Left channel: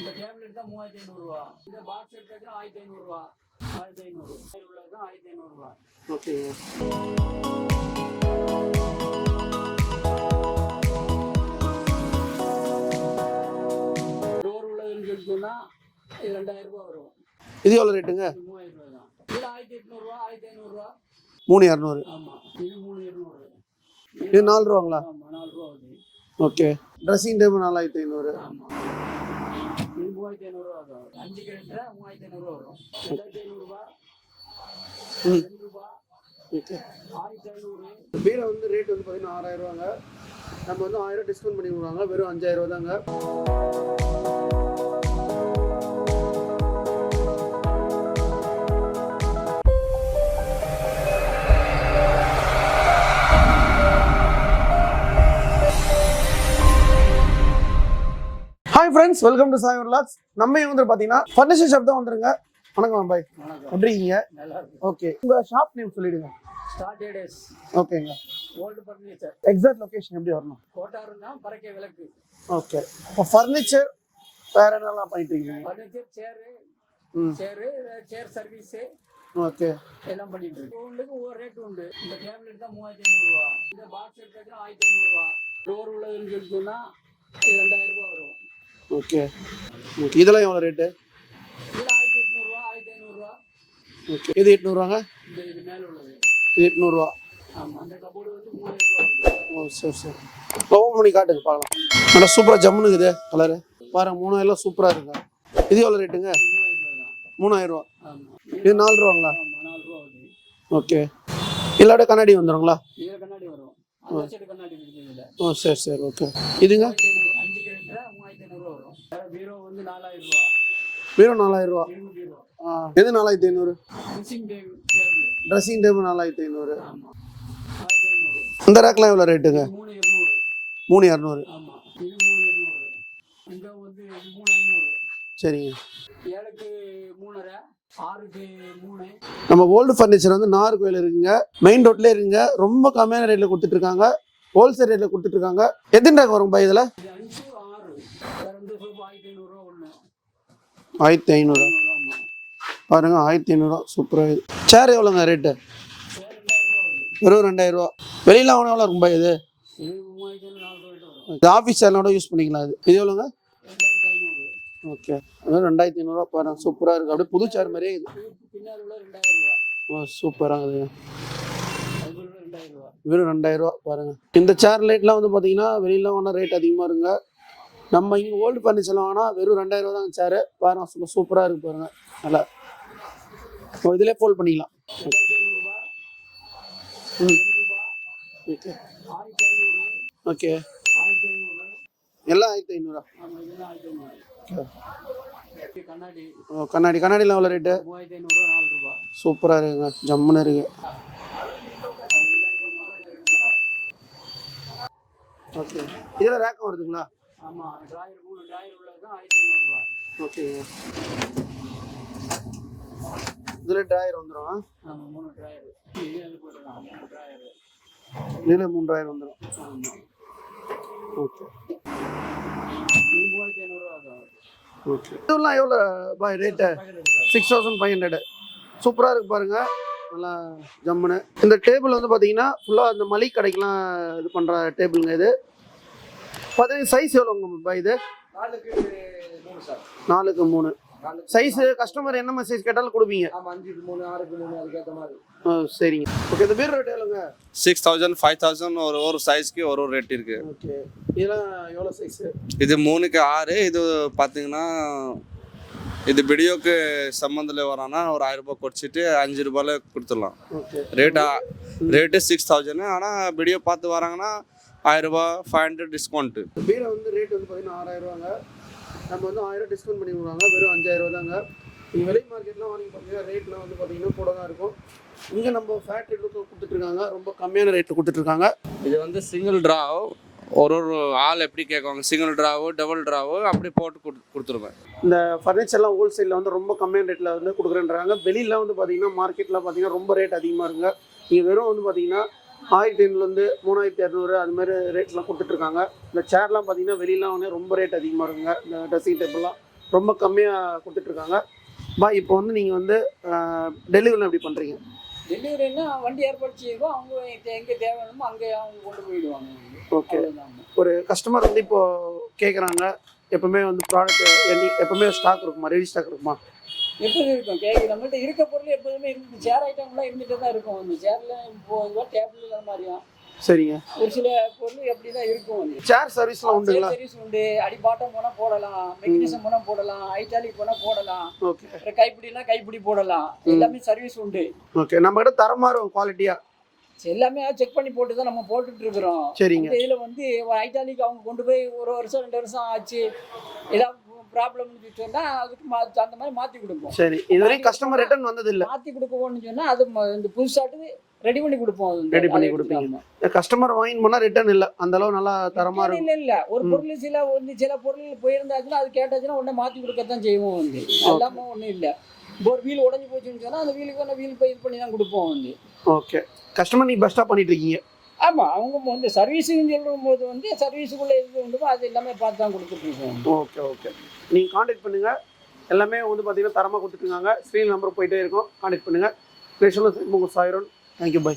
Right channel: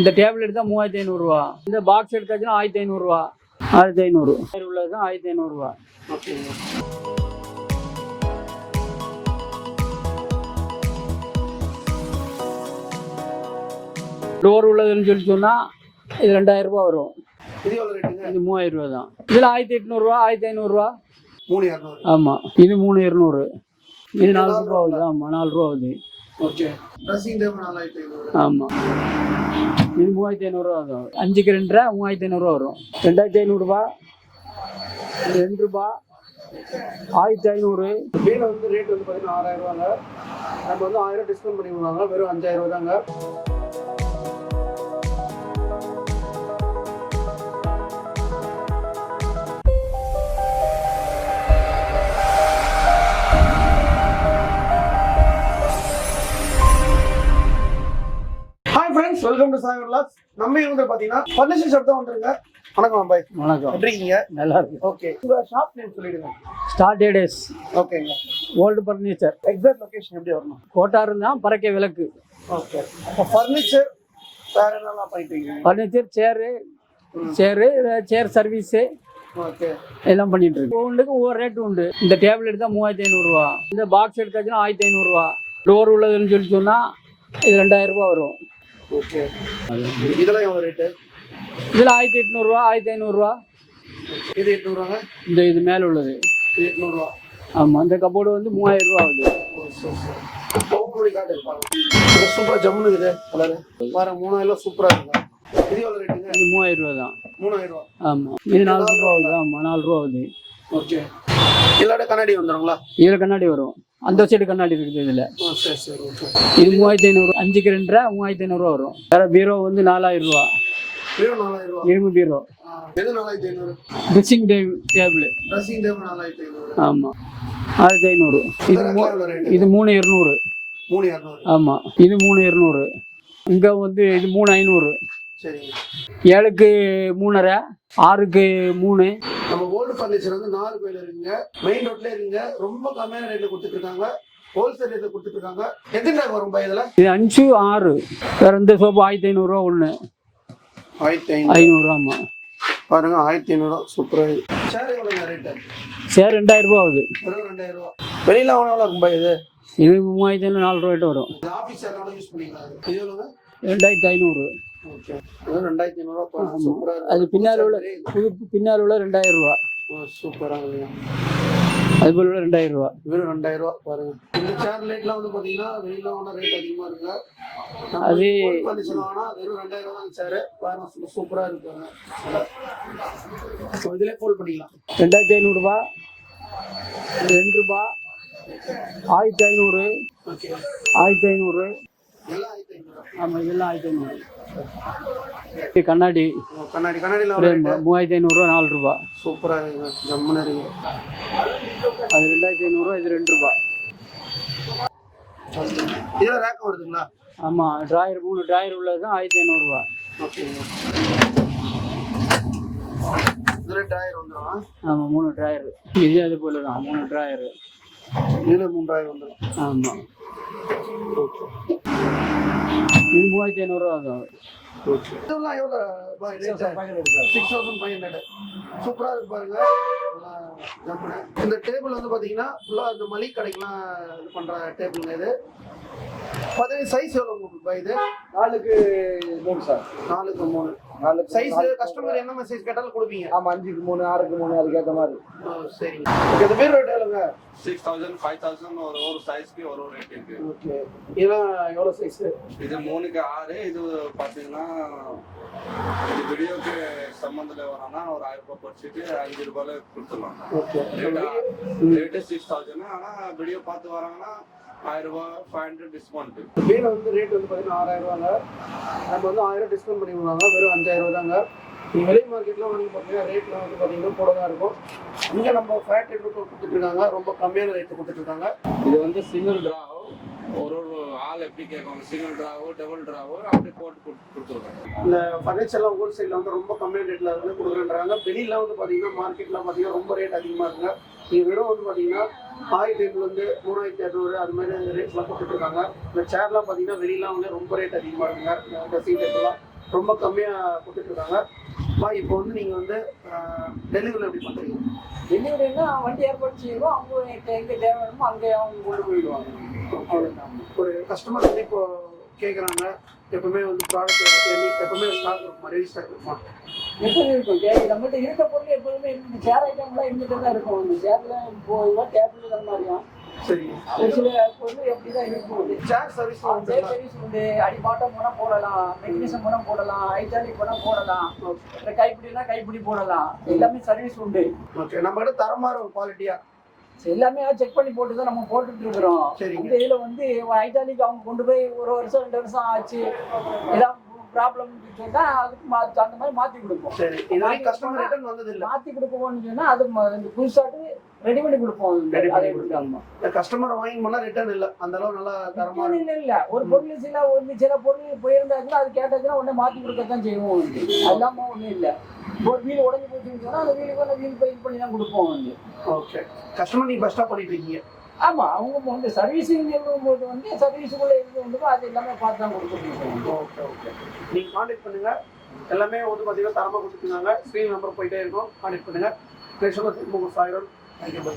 இந்த டேபிள் எடுத்தால் 3500 இந்த பாக்ஸ் எடுத்தாச்சுன்னா 1500 1500 உள்ளது தான் 1500 ஓகேங்க. டோர் உள்ளதுன்னு சொல்லி சொன்னால் இது 2000 வரும். இது எவ்வளோ ரேட்டுங்க? இது 3000 தான். இதில் 1800 1500 3200. ஆமாம். இது 3200. இது 4 ரூபா. ஆமாம், 4 ரூபா ஆகுது. ஓகே. Dressing table 4500. ஆமாம். இது 3500 ஆகும். 5க்கு 2 3500 வரும். 2500 இது 2 ரூபா 1500. கீழே வந்து ரேட் வந்து பார்த்தீங்கன்னா 6000 நம்ம வந்து 1000 டிஸ்கவுண்ட் பண்ணி விடுவாங்க. வெறும் 5000 தாங்க. Friends, welcome to Sai vlogs. நம்ம வந்து பாத்தீங்கன்னா ஃபர்னிச்சர் ஷாப் தான் வந்திருங்க. வணக்கம் பாய். வணக்கம். எப்படி இருக்கீங்க? நல்லா இருக்கு. ஓகே, உங்க ஷாப் நேம் சொல்லிடுங்க. ஸ்டார்டேடஸ். ஓகேங்க. Old furniture. எக்ஸாக்ட் லொகேஷன் எப்படி வரணும்? கோட்டார் தான் பறக்க விளக்கு. ஓகே. அப்போ ஃபர்னிச்சர் வேற என்னலாம் பண்ணிட்டீங்க? ஃபர்னிச்சர் சேர் சர்வீஸு ஓகே எல்லாம் பண்ணிட்டு இருக்கு. ஒவ்வொன்றுக்கு ஒவ்வொரு ரேட்டு உண்டு. இந்த டேபிள் எடுத்தால் 3500 இந்த பாக்ஸ் எடுத்தாச்சுன்னா 1500 டோர் உள்ளதுன்னு சொல்லி சொன்னால் இது 2000 வரும். ஓகே. இதெல்லாம் எவ்வளோ ரேட்டு? இதில் 1800 1500. ஓகே. இது 800 இது மேலே உள்ளது. இது 800. ஆமாம். இந்த கபோர்டு வந்து 3000 ஆகுது. ஓ சரி சரி. ஓப்பன் பண்ணி காட்டுங்க பாருங்க. நல்லா சூப்பராக ஜம்முன்னு இருக்குது கலரு. பாருங்க 3000 சூப்பராக இருக்குங்க. இது எவ்வளோ ரேட்டுங்க? இது 3000 தான். 3000. ஆமாம். இது 4 ரூபா. ஆமாம், 4 ரூபா ஆகுது. ஓகே. இல்லாட கண்ணாடி வந்துடுங்களா? இதில் கண்ணாடி வரும். அந்த சைடு கண்ணாடி இருக்குது இதில். ஓ சரி சரி. ஓகே. இது 3500. 5க்கு 2 3500 வரும். வேற பீரோ வந்து 4000. பீரோ 4000. இரும்பு பீரோ. எது 4500? Dressing table. Dressing table 4500. ஆமாம், 1500. இந்த ரேக்லாம் எவ்வளோ ரேட்டு? இது 3200. 3200. ஆமாம், இது 3200. இங்கே வந்து இது 3500. சரிங்க. 7க்கு 3.5 6க்கு 3. நம்ம ஓல்டு ஃபர்னிச்சர் வந்து நாகர்கோவில் இருக்குங்க. மெயின் ரோட்லேயே இருக்குங்க. ரொம்ப கம்மியான ரேட்டில் கொடுத்துட்டு இருக்காங்க. ஹோல்சேல் ரேட்டில் கொடுத்துட்டு இருக்காங்க. எத்தனை ரூபா வரும் பாய் இதில்? இது 5 6. வேற இந்த சோப்பு 1500 ஒன்று. 1500. ஆமாம். பாருங்க 1500. சூப்பராக. சேர் எவ்வளோங்க ரேட்டு? சேர் 2000 ஆகுது. வெறும் 2000. வெளியில் வாங்கினா எவ்வளோ இருக்கும் பாய் இது? இது 3500 4 ரூபாய்ட்டு வரும். இது ஆஃபீஸ் சேர்னோட யூஸ் பண்ணிக்கலாம். இது எவ்வளோங்க? 2500. ஓகே. வெறும் 2500 பாருங்க. சூப்பராக இருக்குது. அது பின்னாடி உள்ள 2000. ஓ சூப்பராக இருக்குது. அது போல 2000. வெறும் 2000 பாருங்க. இந்த சேர் லைட்லாம் வந்து பார்த்தீங்கன்னா வெளியில வாங்கினா ரேட் அதிகமாக இருக்குங்க. நம்ம ஓல்டு ஃபர்னிச்சர் வாங்கினா வெறும் 2000 தான் சேரு. பாருங்க சூப்பராக இருக்கு பாருங்க. நல்லா இதிலே ஃபோல்ட் பண்ணிக்கலாம். 2500. இது 2 ரூபா 1500. ஓகே. 1500 எல்லாம் 1500. ஆமாம், இதெல்லாம் 1500. கண்ணாடி கண்ணாடிலாம் எவ்வளோ ரேட்டு? 3500 4 ரூபா. சூப்பராக இருக்குங்க. ஜம்முன்னு இருக்கு. அது 2500. இது 2 ரூபா. இதில் ரேக் வருதுங்களா? ஆமாம், ட்ராயர் 3 ட்ராயர் உள்ளது தான் 1500. ஓகேங்க. இதில் ட்ராயர் வந்துடும். ஆமாம், 3 ட்ராயர். இது அது போல தான் 3 ட்ராயர். இதில் 3000 வந்துடும். ஆமாம். இது 3500 ஆகும். இதெல்லாம் எவ்வளோ பாய் ரேட்டு? 6500. சூப்பராக இருக்கு பாருங்க. நல்லா ஜம்முன்னு. இந்த டேபிள் வந்து பார்த்தீங்கன்னா ஃபுல்லாக அந்த மளிகை கடைக்கெலாம் இது பண்ணுற டேபிளுங்க. இது பார்த்தீங்கன்னா சைஸ் எவ்வளோங்க பாய் இது? 4க்கு 3 சார். 4க்கு 3 சைஸ். கஸ்டமர் என்ன சைஸ் கேட்டாலும் கொடுப்பீங்க? ஆமாம், 5க்கு 3 6க்கு 3 அதுக்கேற்ற மாதிரி. சரிங்க. ஓகே. இந்த பேர் ரேட் எவ்வளோங்க? 6000 5000 ஒரு சைஸ்க்கு ஒரு ரேட் இருக்கு. ஓகே. இதெல்லாம் எவ்வளோ சைஸ்? இது 3க்கு 6. இது பார்த்தீங்கன்னா இது வீடியோக்கு சம்மந்தில் வரானா ஒரு 1000 ரூபாய் குறைச்சிட்டு 5 ரூபாயில கொடுத்துடலாம். ரேட்டு 6000. ஆனால் வீடியோ பார்த்து வராங்கன்னா 1000 ரூபாய் 500 டிஸ்கவுண்ட்டு. வீடியோ வந்து ரேட் வந்து பார்த்தீங்கன்னா 6000 நம்ம வந்து 1000 டிஸ்கவுண்ட் பண்ணி விடுவாங்க. வெறும் 5000 தாங்க. வெளி மார்க்கெட்டில் வாங்கி பார்த்தீங்கன்னா ரேட்லாம் வந்து பார்த்தீங்கன்னா கூட தான் இருக்கும். இங்கே நம்ம ஃபேட் ரேட்டில் கொடுத்துட்ருக்காங்க. ரொம்ப கம்மியான ரேட்டில் கொடுத்துட்ருக்காங்க. இது வந்து சிங்கிள் ட்ராவ். ஒரு ஆள் எப்படி கேட்குவாங்க, சிங்கிள் ட்ராவு டபுள் ட்ராவு அப்படி போட்டு கொடுத்துருவேன். இந்த ஃபர்னிச்சர்லாம் ஹோல்சேலில் வந்து ரொம்ப கம்மியான ரேட்டில் வந்து கொடுக்குறேன்றாங்க. வெளியில் வந்து பார்த்தீங்கன்னா மார்க்கெட்டில் பார்த்தீங்கன்னா ரொம்ப ரேட் அதிகமாக இருக்குங்க. நீங்கள் வெறும் வந்து பார்த்தீங்கன்னா 1500 3200 அது மாதிரி ரேட்லாம் கொடுத்துட்ருக்காங்க. இந்த சேர்லாம் பார்த்தீங்கன்னா வெளியெலாம் வந்து ரொம்ப ரேட் அதிகமாக இருக்குங்க. இந்த ட்ரெஸ்ஸிங் டேபிள்லாம் ரொம்ப கம்மியாக கொடுத்துட்ருக்காங்க. பாய் இப்போ வந்து நீங்கள் வந்து டெலிவரி எப்படி பண்ணுறீங்க? டெலிவரினா வண்டி ஏற்பாடு செய்வோம், அவங்க எங்கே தேவையானமோ அங்கே அவங்க கொண்டு போயிடுவாங்க. ஓகே. ஒரு கஸ்டமர் வந்து இப்போ கேட்குறாங்க, எப்பவுமே வந்து ப்ராடக்ட் எப்பவுமே ஸ்டாக் இருக்குமா, ரெடி ஸ்டாக் இருக்குமா? எப்போதும் இருக்கும். நம்மகிட்ட இருக்க பொருள் எப்போதுமே இருக்கும். இந்த சேர் ஐட்டம்லாம் இருந்துட்டு தான் இருக்கும். இந்த சேர்ல இப்போ இதுவாக டேபிள் அந்த மாதிரியா சரிங்க. ஒரு சில பொருள் எப்படி தான் இருக்கும். அது சேர் சர்வீஸ்லாம் உண்டுங்களா? சர்வீஸ் உண்டு. அடிபாட்டம் போனால் போடலாம், மெக்கானிசம் போனால் போடலாம், ஐட்டாலிக் போனால் போடலாம், ஓகே. அப்புறம் கைப்பிடினா கைப்பிடி போடலாம். எல்லாமே சர்வீஸ் உண்டு. ஓகே. நம்ம கிட்ட தரமாக இருக்கும் குவாலிட்டியாக எல்லாமே செக் பண்ணி போட்டு தான் நம்ம போட்டுட்டு இருக்கிறோம். சரிங்க. இதில் வந்து ஐட்டாலிக் அவங்க கொண்டு போய் 1 வருஷம் 2 வருஷம் ஆச்சு, ஏதாவது ப்ராப்ளம் சொன்னா அதுக்கு அந்த மாதிரி மாற்றி கொடுப்போம். சரி. இது வரைக்கும் கஸ்டமர் ரிட்டர்ன் வந்தது இல்லை? மாற்றி கொடுப்போம்னு சொன்னா அது இந்த புதுசாட்டு ரெடி பண்ணி கொடுப்போம். ரெடி பண்ணி கொடுப்பீங்க. கஸ்டமர் வாங்கி போனா ரிட்டர்ன் இல்ல, அந்த அளவு நல்லா தரமா இருக்கும். இல்ல ஒரு பொருள் சில பொருள் போயிருந்தாச்சுன்னா அது கேட்டாச்சுன்னா உடனே மாற்றி கொடுக்கத்தான் செய்வோம். வந்து அல்லாம ஒன்றும் இல்லை. ஒரு வீல் உடஞ்சி போச்சுன்னு சொன்னா அந்த வீலுக்கு வீல் போய் இது பண்ணி தான் கொடுப்போம். வந்து ஓகே. கஸ்டமர் நீங்க பெஸ்ட்டாக பண்ணிட்டு இருக்கீங்க. ஆமா, அவங்க வந்து சர்வீஸுன்னு சொல்லும்போது வந்து சர்வீஸுக்குள்ள இது வந்து அது எல்லாமே பார்த்து தான் கொடுத்துருக்கோம். Okay okay. நீங்க கான்டாக்ட் பண்ணுங்க. எல்லாமே வந்து பார்த்தீங்கன்னா தரமாக கொடுத்துருக்காங்க. ஸ்க்ரீன் நம்பர் போயிட்டே இருக்கும், கான்டாக்ட் பண்ணுங்க. கிரேஷனில் திரும்ப சாயிரம். Thank you, by.